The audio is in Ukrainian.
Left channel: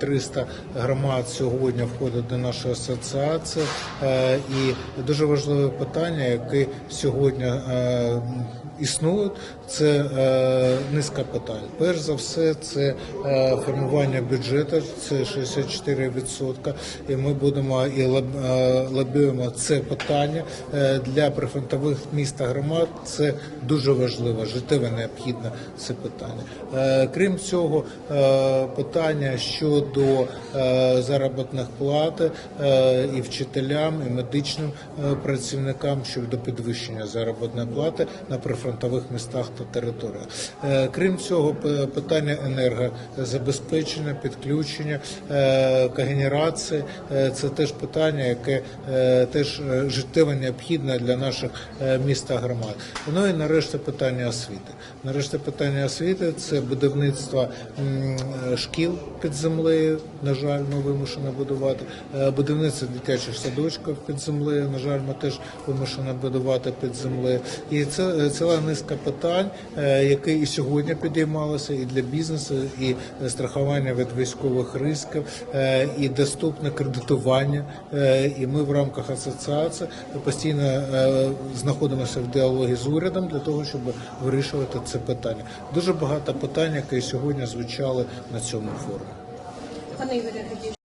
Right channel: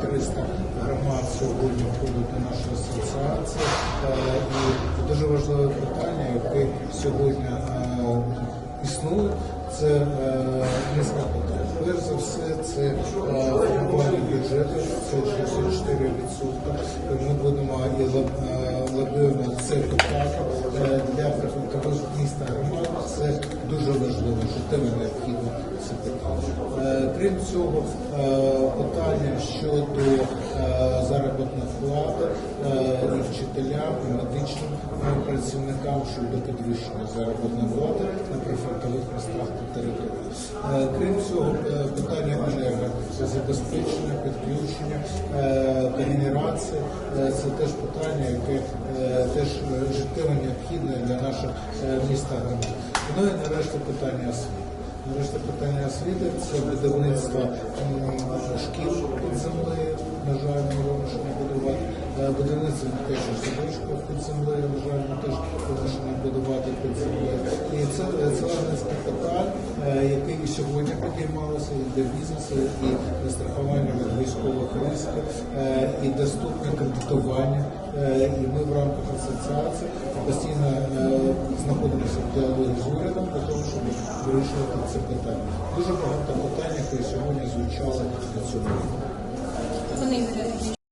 300 громад сьогодні входять до нашої асоціації. Е, І дуже важливе питання, яке сьогодні е, існує, це е, низка питань. Перш за все, це е, формування бюджету, це 64%. І ми будемо і лоб- е, це питання Е, для прифронтових міст та громад. Це дуже важливо, життєво необхідне це питання. Крім цього, питання щодо заробітних плат і вчителям, і медичним працівникам щодо підвищення заробітної плати на прифронтових містах та територіях. Крім цього, питання енергозабезпечення, підключення, е, когенерації е, це теж питання, яке е, теж життєво необхідне для наших міст та громад. Ну і нарешті питання освіти. Нарешті питання освіти це будівництво шкіл під землею. На жаль, ми вимушені будувати будівництво дитячих садочків під землею. На жаль, ми теж вимушені будувати під землею. І це ціла низка питань, які і сьогодні підіймалися і для бізнесу, і на страхування від військових ризиків, е, і доступне кредитування. Е, І ми в рамках асоціації постійно е, знаходимося в діалогі з урядом для того, щоб вирішувати це питання. Дуже багато питань, які сьогодні звучали на цьому форумі.